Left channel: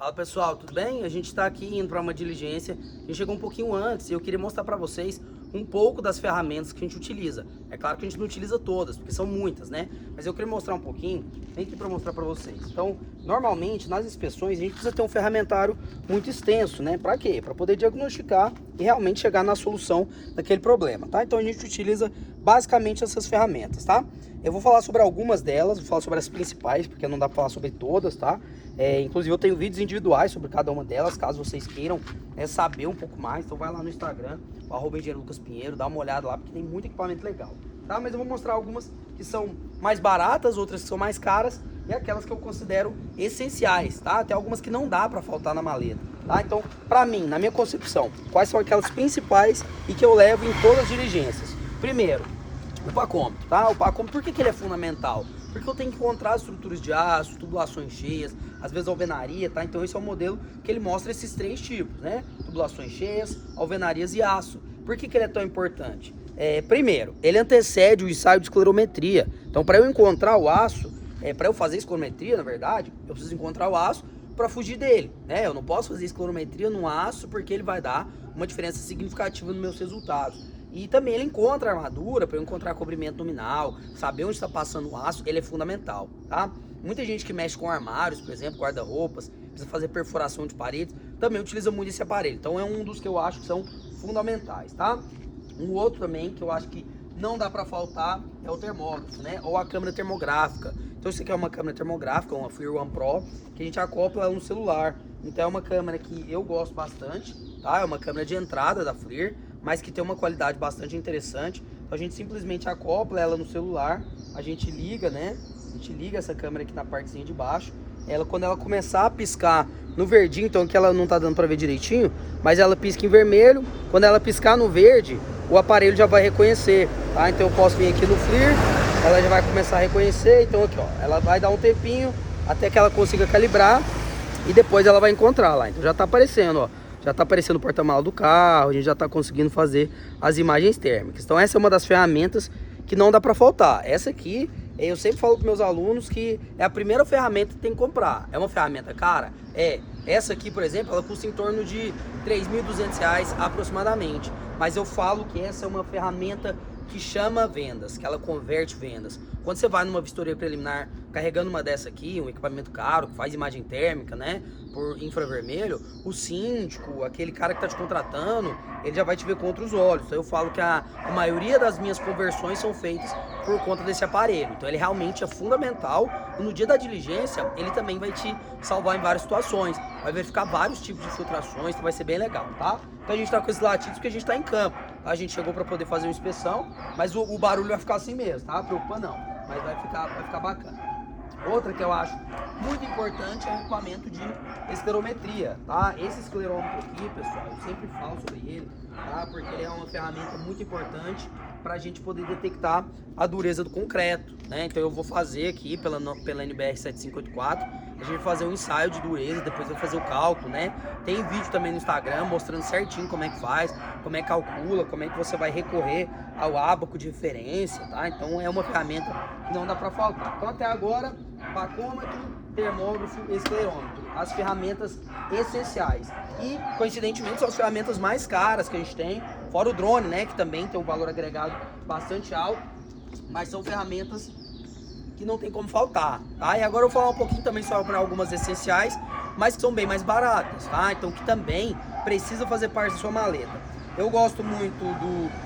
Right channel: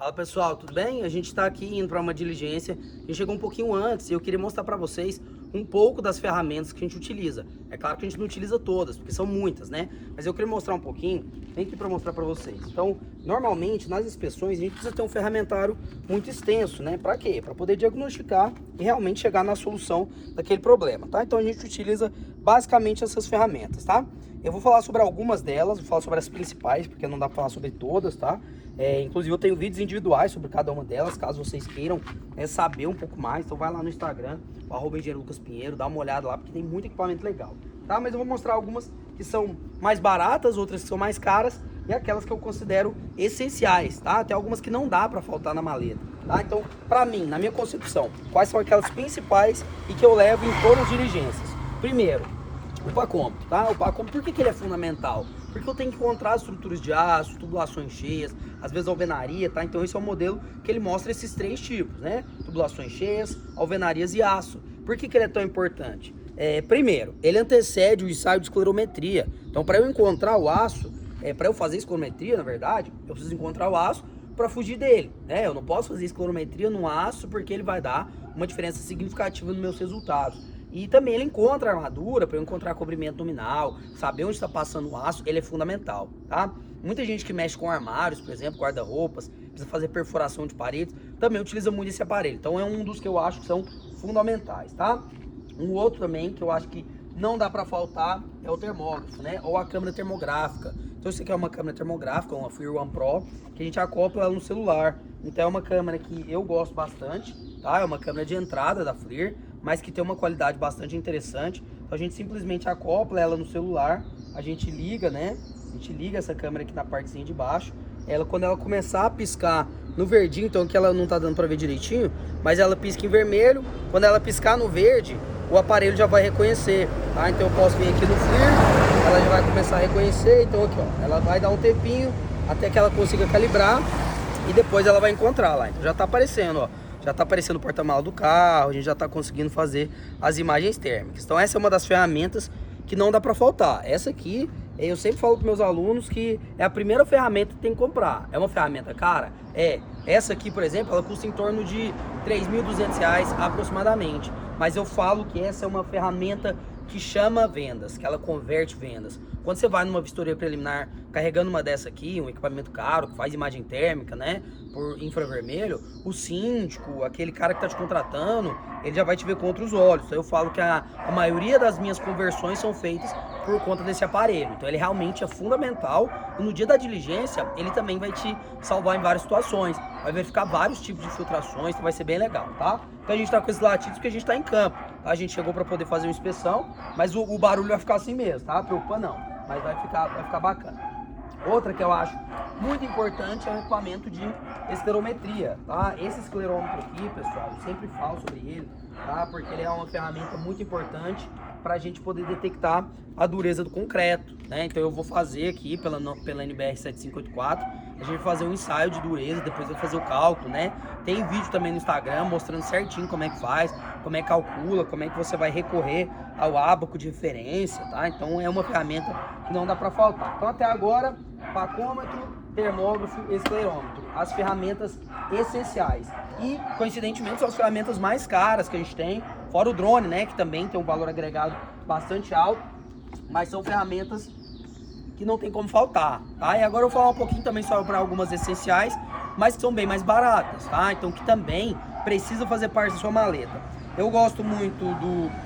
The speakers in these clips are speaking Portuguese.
Fala pessoal, tudo bem? A gente está aqui indo para uma diligência. A gente chegou um pouquinho antes e eu queria mostrar para vocês um pouco das ferramentas que a gente utiliza. É claro que a gente não utiliza todas, porque são muitas, né? Mas eu queria mostrar um pouquinho, vem aqui para mostrar para vocês. Então, normalmente nas inspeções a gente precisa ter um ferramentário muito extenso, né? Para quê? Para poder diagnosticar e realmente chegar na solução daquele problema, tá? Então a gente utiliza basicamente essas ferramentas, tá? Eu vou falar sobre algumas delas, vou falar sobre as principais, porque não dá para falar sobre todas, tá? Inclusive eu tenho vídeos individuais sobre cada uma delas, caso vocês queiram saber um pouco mais. Então vai lá no Instagram, o @engenheiro_lucas_pinheiro, dá uma olhada lá, porque tem muito equipamento legal, tá? Mas eu vou mostrar algumas que são mais baratas, outras que são mais caras e aquelas que eu considero essenciais, tá? Tem algumas que não dá para faltar na maleta, tá? Então, para mim, na minha concepção, quais são aquelas principais e que eu levo em todas as diligências? Primeiro, o pacômetro, tá? O pacômetro, por que ele é fundamental? Porque eu tenho que encontrar estruturas de aço, tubulações cheias, às vezes alvenaria, tá? Então esse é o modelo que ele mostra esses três tipos, né? Tubulações cheias, alvenarias e aço. Por que ele é tão importante? Primeiro, ele antecede o ensaio de esclerometria. Então, para eu encontrar o aço, para eu fazer esclerometria, na verdade, eu preciso encontrar o aço para fugir dele, né? Eu não posso fazer esclerometria no aço porque ele vai dar uma diferença significativa nos meus resultados. E também ele encontra a armadura para eu encontrar cobrimento nominal, saber onde está passando o aço, ele é fundamental, tá? Muita gente que mexe com armários, por exemplo, guarda-roupas, precisa fazer perfuração de paredes, também utiliza muito esse aparelho. Então é um dos que eu acho que são fundamentais, tá? Um outro também que eu acho que não dá para faltar é o termógrafo, né? Ou a câmera termográfica. Então isso aqui é uma câmera termográfica, uma FLIR One Pro, que a gente acopla ela no celular. Então é uma câmera que eu gosto bastante, tá? É uma câmera de entrada da FLIR, mas que tem uma qualidade bastante interessante. Então a gente simplesmente acopla ela no celular, a gente liga, né? A gente liga essa câmera aqui na partezinha de baixo. Quando ela começar a piscar no verdinho, então aqui ela não tá dando para ver direitinho, mas ela pisca em vermelho. Quando ela piscar no verde, o aparelho já vai reconhecer, tá? Então eu posso vir aqui no FLIR, ela já vai começar a reconhecer. Então aqui, ó, ela vai dar um tempinho até que ela consiga calibrar e depois ela vai encontrar lá. Então já tá aparecendo, ó. Já está aparecendo o porta-malas do carro, a gente já está conseguindo fazer as imagens térmicas. Então essa é uma das ferramentas que não dá para faltar. Essa aqui, eu sempre falo para meus alunos que é a primeira ferramenta que tem que comprar. É uma ferramenta cara? Essa aqui, por exemplo, ela custa em torno de R$ 3.200 aproximadamente. Mas eu falo que essa é uma ferramenta que chama vendas, que ela converte vendas. Quando você vai numa vistoria preliminar carregando uma dessa aqui, um equipamento caro que faz imagem térmica, né, por infravermelho, o síndico, aquele cara que está te contratando, ele já vai te ver com outros olhos. Então eu falo que a maioria das minhas conversões são feitas por conta desse aparelho. Então ele realmente é fundamental e no dia da diligência ele também vai te salvar em várias situações. Vai verificar vários tipos de filtrações, então vai ser bem legal, tá? Então a gente tá com esses latidos porque a gente tá em campo, tá? A gente chegou para poder fazer uma inspeção, mas o barulho vai ficar assim mesmo, tá? Preocupa não, mas vai ficar bacana. Outra que eu acho muito importante é o equipamento de esclerometria, tá? Esse esclerômetro aqui, pessoal, eu sempre falo sobre ele, tá? Porque ele é uma ferramenta muito importante para a gente poder detectar a dureza do concreto, né? Então eu vou fazer aqui pela NBR 7584, a gente vai fazer um ensaio de dureza, depois vai fazer o cálculo, né? Tem vídeo também no Instagram mostrando certinho como é que faz, como é que calcula, como é que você vai recorrer ao ábaco de referência, tá? Então é uma ferramenta que não dá para faltar. Então até agora, pacômetro, termógrafo, esclerômetro, as ferramentas essenciais. E, coincidentemente, são as ferramentas mais caras que a gente tem, fora o drone, né, que também tem um valor agregado bastante alto, mas são ferramentas que não tem como faltar, tá? E agora eu vou falar um pouquinho também sobre algumas essenciais, mas que são bem mais baratas, tá? Então que também precisa fazer parte da sua maleta. Eu gosto muito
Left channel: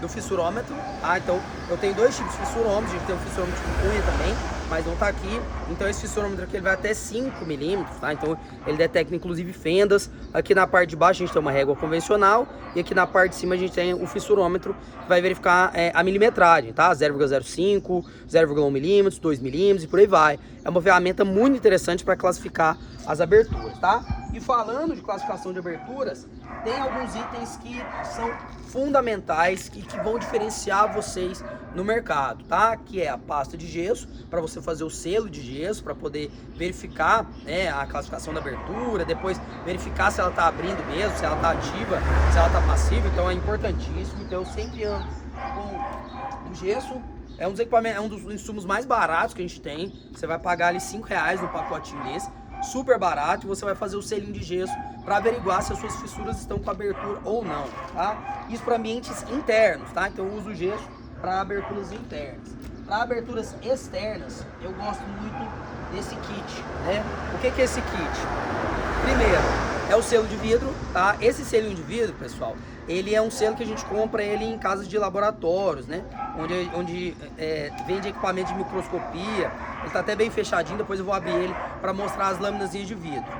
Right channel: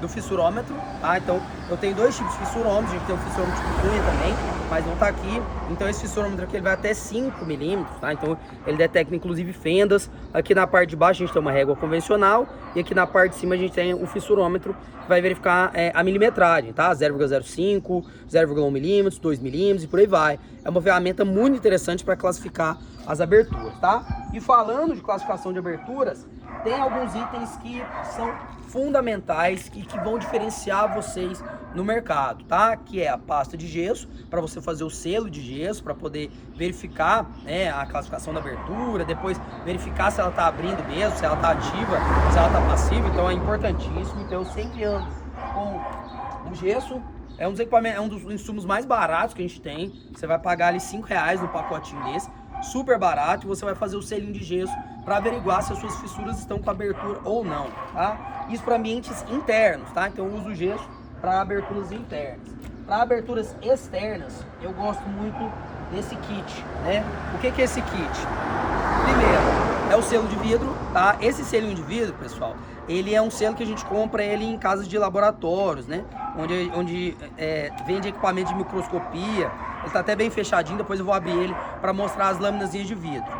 do fissurômetro, tá? Então eu tenho dois tipos de fissurômetro, a gente tem um fissurômetro de cunha também, mas não tá aqui. Então esse fissurômetro aqui ele vai até 5 milímetros, tá? Então ele detecta inclusive fendas. Aqui na parte de baixo a gente tem uma régua convencional e aqui na parte de cima a gente tem o fissurômetro que vai verificar a milimetragem, tá? 0,05, 0,1 milímetros, 2 milímetros e por aí vai. É uma ferramenta muito interessante para classificar as aberturas, tá? E falando de classificação de aberturas, tem alguns itens que são fundamentais e que vão diferenciar vocês no mercado, tá? Que é a pasta de gesso, para você fazer o selo de gesso, para poder verificar, né, a classificação da abertura, depois verificar se ela tá abrindo mesmo, se ela tá ativa, se ela tá passiva, então é importantíssimo. Então eu sempre ando com o gesso. É um dos equipamentos, é um dos insumos mais baratos que a gente tem. Você vai pagar ali R$ 5 no pacotinho desse. super barato, e você vai fazer o selinho de gesso para averiguar se as suas fissuras estão com abertura ou não, tá? Isso para ambientes internos, tá? Então eu uso o gesso para aberturas internas. Para aberturas externas, eu gosto muito desse kit, né? O que é esse kit? Primeiro, é o selo de vidro, tá? Esse selinho de vidro, pessoal, ele é um selo que a gente compra ele em casas de laboratórios, né? Onde vende equipamento de microscopia. Ele tá até bem fechadinho, depois eu vou abrir ele para mostrar as lâminas de vidro.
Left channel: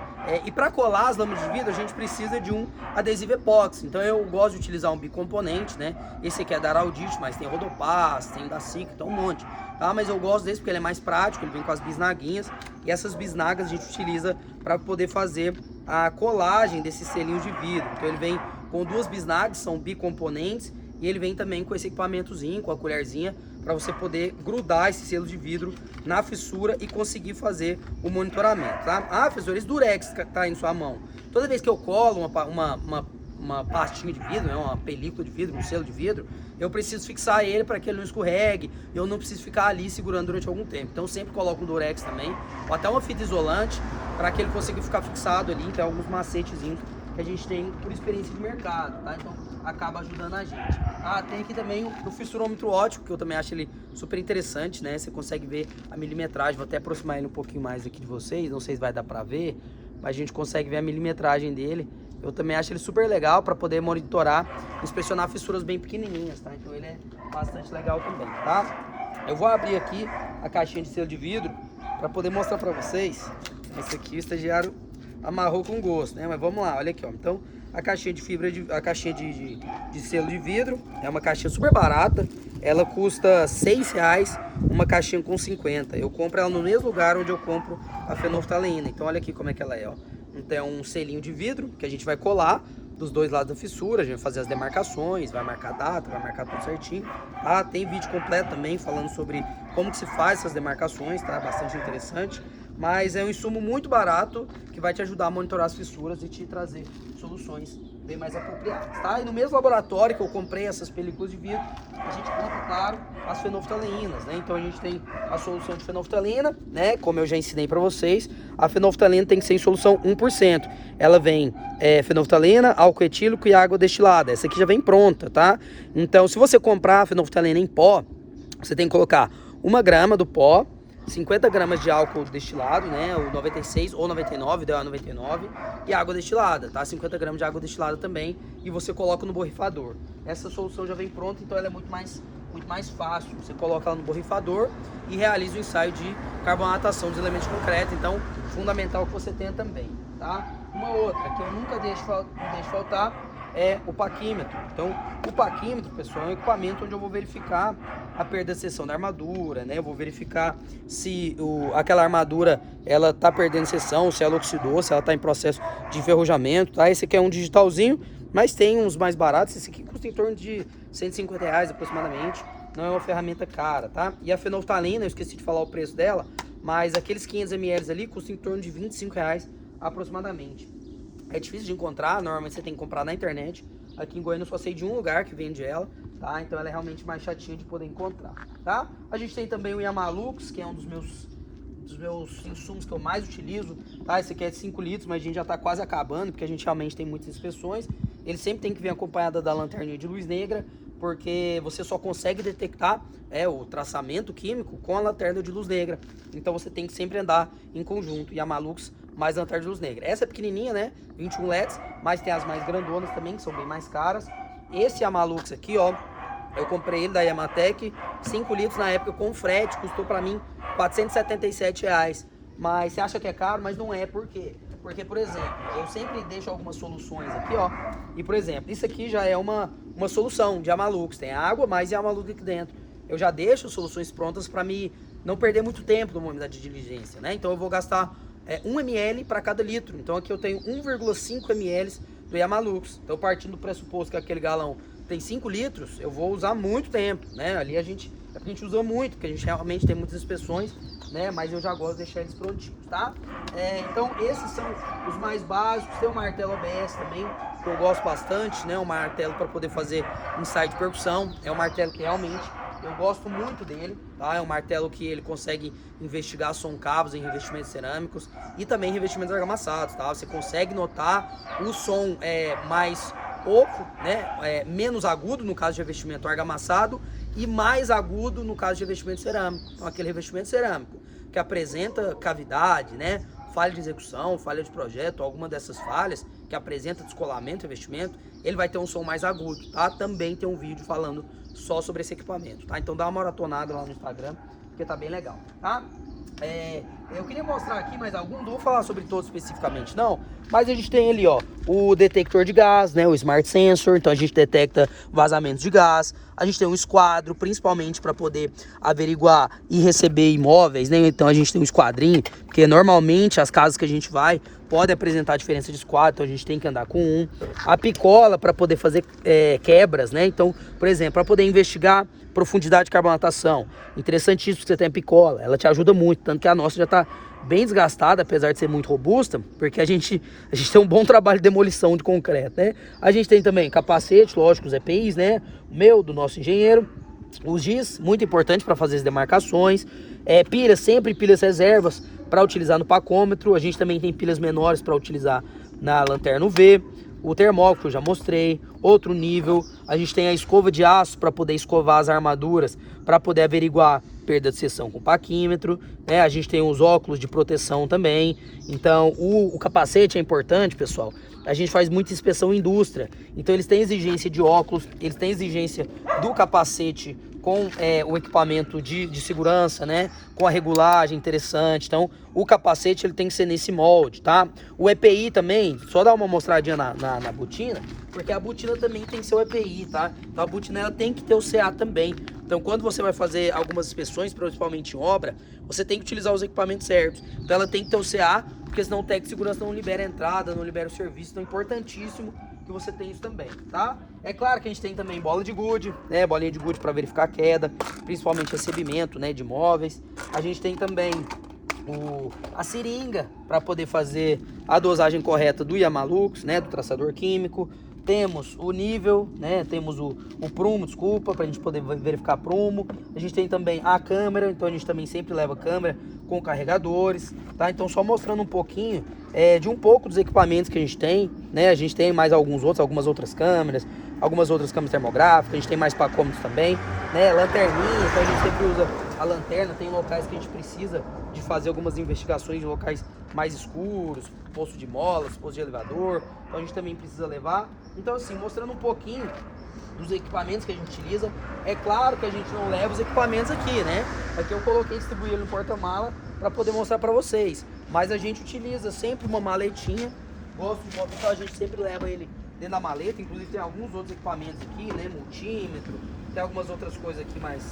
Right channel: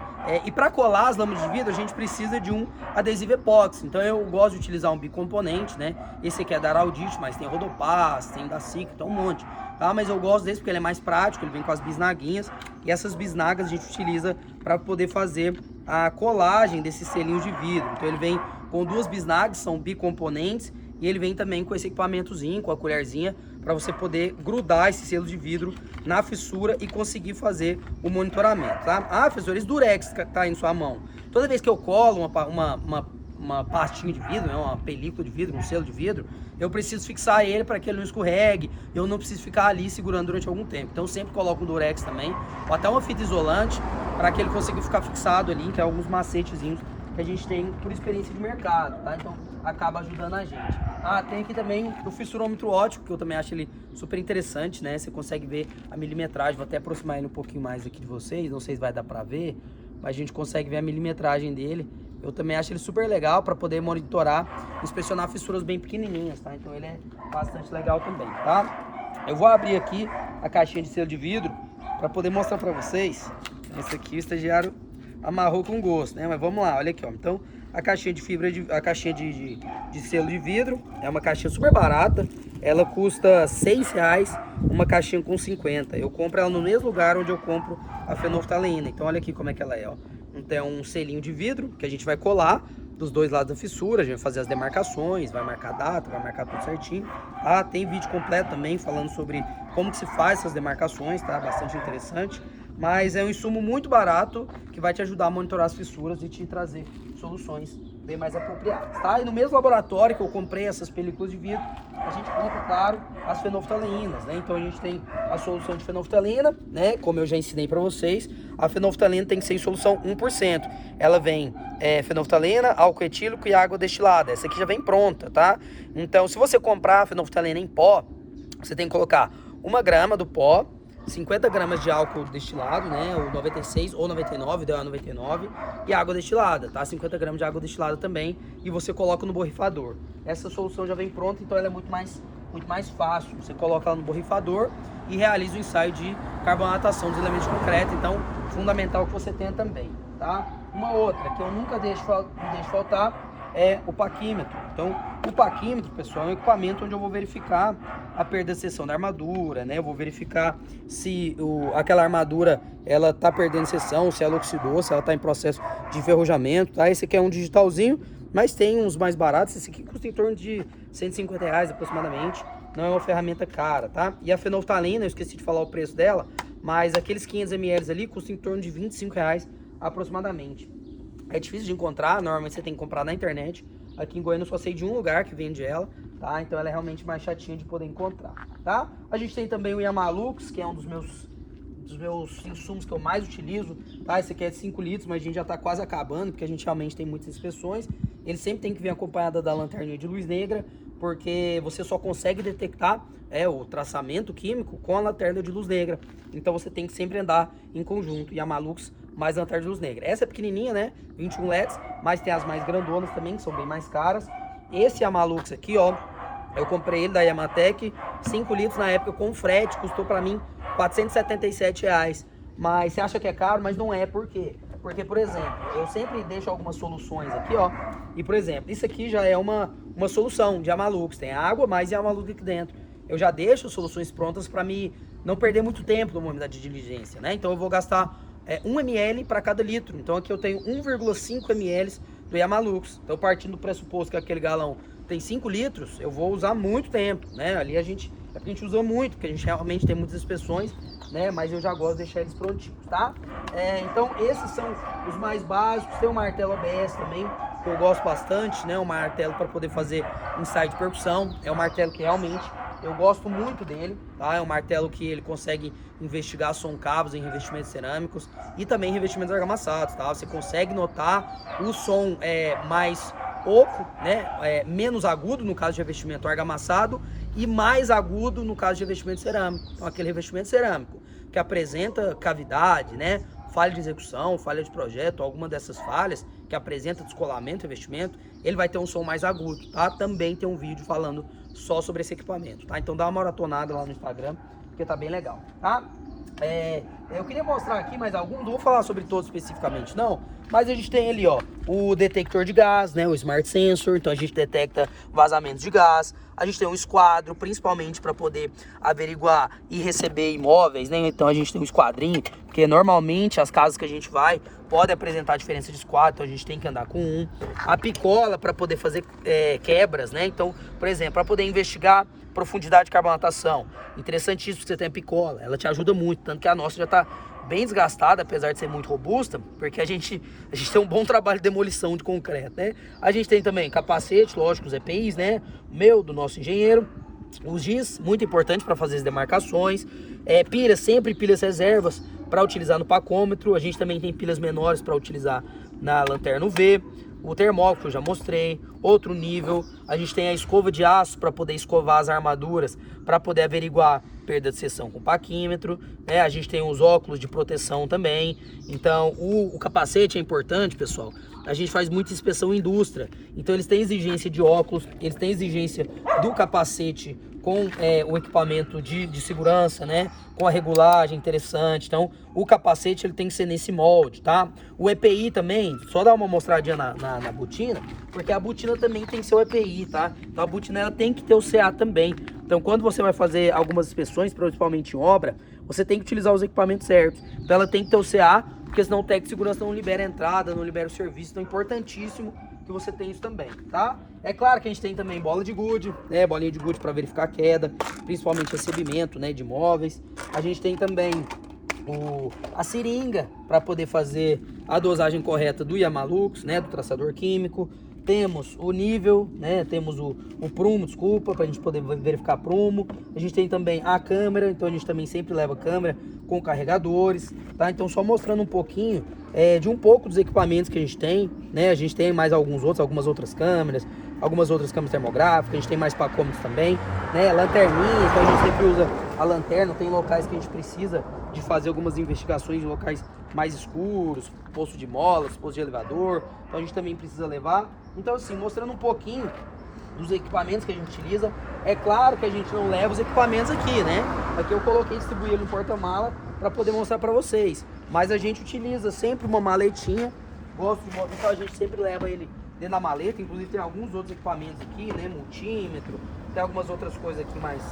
E para colar as lâminas de vidro, a gente precisa de um adesivo epóxi. Então eu gosto de utilizar um bicomponente, né? Esse aqui é da Araldite, mas tem Rodopaz, tem da Sica, então um monte. Tá? Mas eu gosto desse porque ele é mais prático, ele vem com as bisnaguinhas. E essas bisnagas a gente utiliza para poder fazer a colagem desses selinhos de vidro. Então ele vem com duas bisnagas, são bicomponentes. E ele vem também com esse equipamentozinho, com a colherzinha, para você poder grudar esse selo de vidro na fissura e conseguir fazer o monitoramento, tá? Ah, professor, esse durex que tá aí em sua mão. Toda vez que eu colo uma pastinha de vidro, né, uma película de vidro, um selo de vidro, eu preciso fixar ele para que ele não escorregue, eu não preciso ficar ali segurando durante algum tempo. Então eu sempre coloco um durex também, ou até uma fita isolante, para que ele consiga ficar fixado ali. Então alguns macetezinhos que a gente tem por experiência de mercado, tá? Então acaba ajudando a gente. Ah, tem aqui também o fissurômetro óptico, que eu também acho ele super interessante, né? Você consegue ver a milimetragem, vou até aproximar ele um pouquinho mais aqui de vocês, não sei se vai dar pra ver, mas a gente consegue ver a milimetragem dele. Eu também acho ele super legal para poder monitorar, inspecionar fissuras bem pequenininhas, tá? Então ele é bastante legal também, tá? Eu vou abrir aqui a caixinha de selo de vidro para poder mostrar para vocês. Esse aqui o estagiário amarrou com gosto, né? Mas vamos lá, olha aqui, ó. Então, a caixinha de fibra, a caixinha de selo de vidro, é uma caixinha super barata. Ela custa R$6, uma caixinha com 50. Eu compro ela no mesmo lugar onde eu compro a fenolftaleína. Então, olha aqui como é que ela é, ó. Então, é um selinho de vidro que a gente vai colar dos dois lados da fissura. A gente vai fazer as demarcações, vai marcar a data, vai marcar tudo certinho, tá? Tem vídeo completo também falando sobre como que se faz essas demarcações, tá? Bastante interessante. Mas é um insumo muito barato que vai te ajudar a monitorar as fissuras e te trazer soluções bem mais apropriadas, tá? E no mesmo laboratório que eu comprei essas películas de vidro, a gente compra, claro, as fenolftaleínas, né? Então a gente tem a solução de fenolftalina, né? Como eu já ensinei para vocês, a fenolftalina tem que ser em solução 1%. Ela vem fenolftalina, álcool etílico e água destilada. Essa aqui já vem pronta, tá? Então, se você comprar a fenolftalina em pó, você tem que colocar 1 grama do pó, 50 gramas de álcool destilado, né, o 96 ou 99, deu a 99, e água destilada, tá? 50 gramas de água destilada também, e você coloca no borrifador. Essa solução já vem pronta, então ela é muito mais fácil. Você coloca ela no borrifador e realiza o ensaio de carbonatação dos elementos de concreto. Então, fundamental que você tenha também, tá? Uma outra que eu nunca deixo faltar é o paquímetro. Então, o paquímetro, pessoal, é um equipamento onde eu vou verificar a perda de seção da armadura, né? Eu vou verificar se aquela armadura ela tá perdendo seção, se ela oxidou, se ela tá em processo de enferrujamento, tá? Esse aqui é um digitalzinho, mas tem uns mais baratos. Esse aqui custa em torno de R$150 aproximadamente. Não é uma ferramenta cara, tá? E a fenolftalina, eu esqueci de falar o preço dela, mas aqueles 500 ml ali custam em torno de R$25 aproximadamente. É difícil de encontrar, normalmente você tem que comprar na internet. Aqui em Goiânia eu só sei de um lugar que vende ela, tá? Então ela é realmente mais chatinha de poder encontrar, tá? A gente tem também o Yamalux, que é um dos meus insumos que eu mais utilizo, tá? Esse aqui é de 5 litros, mas a gente já tá quase acabando, porque a gente realmente tem muitas inspeções. Ele sempre tem que vir acompanhada da lanterninha de luz negra, porque você só consegue detectar o traçamento químico com a lanterna de luz negra. Então você tem que sempre andar em conjunto. Yamalux mais lanterna de luz negra. Essa é pequenininha, né? 21 LEDs, mas tem as mais grandonas também, que são bem mais caras. Esse Yamalux aqui, ó, eu comprei ele da Yamatec, 5 litros na época com frete, custou pra mim R$477. Mas você acha que é caro, mas não é. Por quê? Porque, por exemplo, eu sempre deixo algumas soluções aqui, ó. E, por exemplo, isso aqui já é uma solução de Yamalux. Tem água, mais Yamalux aqui dentro. Eu já deixo soluções prontas para me não perder muito tempo no momento da diligência, né? Então eu vou gastar 1 ml para cada litro. Então aqui eu tenho 1,5 ml do Yamalux. Então, partindo do pressuposto que aquele galão tem 5 litros, eu vou usar muito tempo, né? Ali a gente usa muito, porque a gente realmente tem muitas inspeções, né? Mas eu já gosto de deixar eles prontinhos, tá? Então esses são os mais básicos. Tem o martelo ABS também, que eu gosto bastante, né? Um martelo para poder fazer ensaio de percussão. É um martelo que realmente eu gosto muito dele, tá? É um martelo que ele consegue investigar som-cabos em revestimentos cerâmicos e também revestimentos argamassados, tá? Você consegue notar o som mais oco, né? Menos agudo no caso de revestimento argamassado e mais agudo no caso de revestimento cerâmico. Então aquele revestimento cerâmico que apresenta cavidade, né? Falha de execução, falha de projeto, alguma dessas falhas que apresenta descolamento, revestimento, ele vai ter um som mais agudo, tá? Também tem um vídeo falando só sobre esse equipamento, tá? Então dá uma maratonada lá no Instagram, porque tá bem legal, tá? Eu queria mostrar aqui mais algum, não vou falar sobre todos especificamente não, mas a gente tem ali, ó, o detector de gás, né, o Smart Sensor, então a gente detecta vazamentos de gás. A gente tem um esquadro, principalmente para poder averiguar e receber imóveis, né? Então a gente tem um esquadrinho, porque normalmente as casas que a gente vai podem apresentar diferença de esquadro, então a gente tem que andar com um. A picola para poder fazer quebras, né? Então, por exemplo, para poder investigar profundidade de carbonatação, interessantíssimo que você tem a picola, ela te ajuda muito, tanto que a nossa já está bem desgastada, apesar de ser muito robusta, porque a gente tem um bom trabalho de demolição de concreto, né? A gente tem também capacete, lógico, os EPIs, né? O meu, do nosso engenheiro, os GIS, muito importante para fazer as demarcações, pilhas, sempre pilhas reservas para utilizar no pacômetro. A gente também tem pilhas menores para utilizar na lanterna UV, o termómetro que eu já mostrei, outro nível. A gente tem a escova de aço para poder escovar as armaduras, para poder averiguar perda de seção com paquímetro, né? A gente tem os óculos de proteção também. Então o capacete é importante, pessoal. A gente faz muita inspeção em indústria, então eles têm exigência de óculos, eles têm exigência do capacete com o equipamento de segurança, né? Com a regulagem interessante. Então o capacete ele tem que ser nesse molde, tá? O EPI também, só dar uma mostradinha na botina, porque a botina também tem que ser o EPI, tá? Então a botina ela tem que ter o CA também. Então quando você vai fazer algumas inspeções, principalmente em obra, você tem que utilizar os equipamentos certos. Então ela tem que ter o CA, porque senão o técnico de segurança não libera a entrada, não libera o serviço. Então é importantíssimo que você tenha isso também, tá? É claro que a gente tem também bola de gude, né? Bolinha de gude para verificar a queda, principalmente recebimento, né, de móveis. A gente tem também a seringa para poder fazer a dosagem correta do Yamalux, né, do traçador químico. Temos o nível, né? Temos o prumo, desculpa, para a gente poder verificar prumo. A gente tem também a câmera, então a gente também sempre leva câmera com carregadores, tá? Então só mostrando um pouquinho de um pouco dos equipamentos que a gente tem, né? A gente tem mais algumas outras câmeras termográficas, a gente tem mais pacômetros também, né? Lanterninha, então a gente sempre usa a lanterna. Tem locais que a gente precisa de fazer algumas investigações em locais mais escuros, posto de molas, posto de elevador, então a gente também precisa levar. Então assim, mostrando um pouquinho dos equipamentos que a gente utiliza. É claro que a gente não leva os equipamentos aqui, né? Aqui eu coloquei distribuí-lo no porta-mala para poder mostrar para vocês. Mas a gente utiliza sempre uma maletinha. Gosto de moto, então a gente sempre leva ele dentro da maleta. Inclusive tem alguns outros equipamentos aqui, né? Multímetro, tem algumas outras coisas aqui mais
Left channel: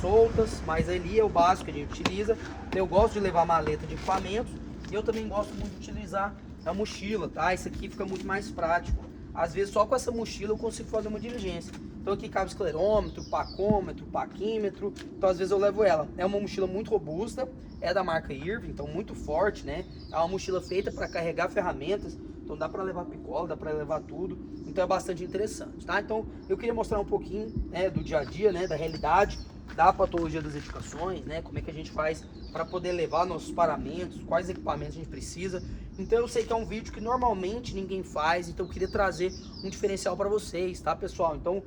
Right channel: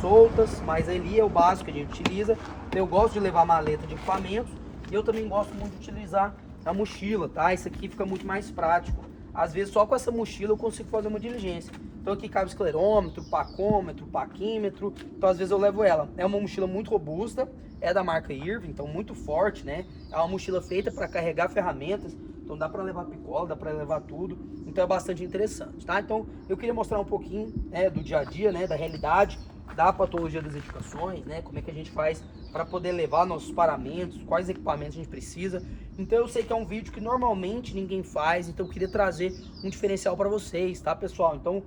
soltas, mas ali é o básico que a gente utiliza. Eu gosto de levar maleta de equipamentos e eu também gosto muito de utilizar a mochila, tá? Isso aqui fica muito mais prático. Às vezes só com essa mochila eu consigo fazer uma diligência. Então aqui cabe esclerômetro, pacômetro, paquímetro. Então às vezes eu levo ela. É uma mochila muito robusta, é da marca Irving, então muito forte, né? É uma mochila feita para carregar ferramentas. Então dá para levar picola, dá para levar tudo. Então é bastante interessante, tá? Então eu queria mostrar um pouquinho, né, do dia a dia, né, da realidade, da patologia das edificações, né? Como é que a gente faz para poder levar nossos paramentos, quais equipamentos a gente precisa. Então eu sei que é um vídeo que normalmente ninguém faz, então eu queria trazer um diferencial para vocês, tá, pessoal? Então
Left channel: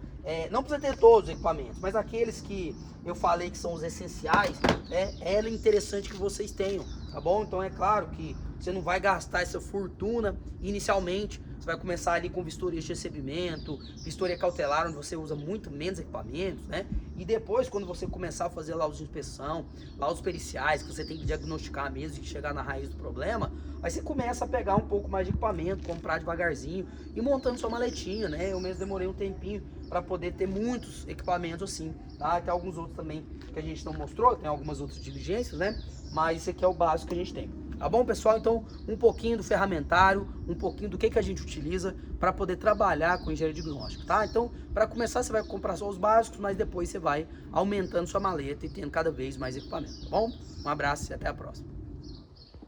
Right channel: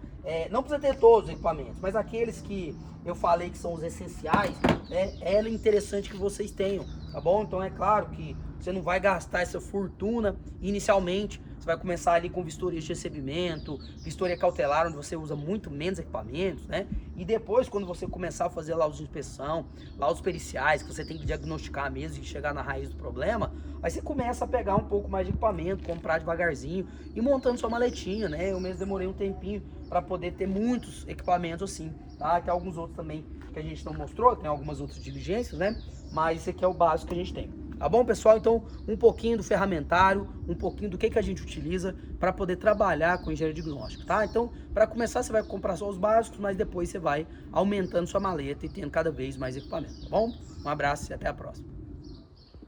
não precisa ter todos os equipamentos, mas aqueles que eu falei que são os essenciais, é interessante que vocês tenham, tá bom? Então é claro que você não vai gastar essa fortuna inicialmente. Você vai começar ali com vistoria de recebimento, vistoria cautelar, onde você usa muito menos equipamentos, né? E depois, quando você começar a fazer lá os inspeção, lá os periciais, que você tem que diagnosticar mesmo e chegar na raiz do problema, aí você começa a pegar um pouco mais de equipamento, comprar devagarzinho e montando sua maletinha, né? Eu mesmo demorei um tempinho para poder ter muitos equipamentos assim, tá? Tem alguns outros também que a gente não mostrou, tem algumas outras diligências, né? Mas esse aqui é o básico que a gente tem. Tá bom, pessoal? Então, um pouquinho do ferramentário, um pouquinho do que a gente utiliza para poder trabalhar com engenharia diagnóstica, tá? Então, para começar, você vai comprar só os básicos, mas depois você vai aumentando sua maleta e tendo cada vez mais equipamento, tá bom? Um abraço e até a próxima.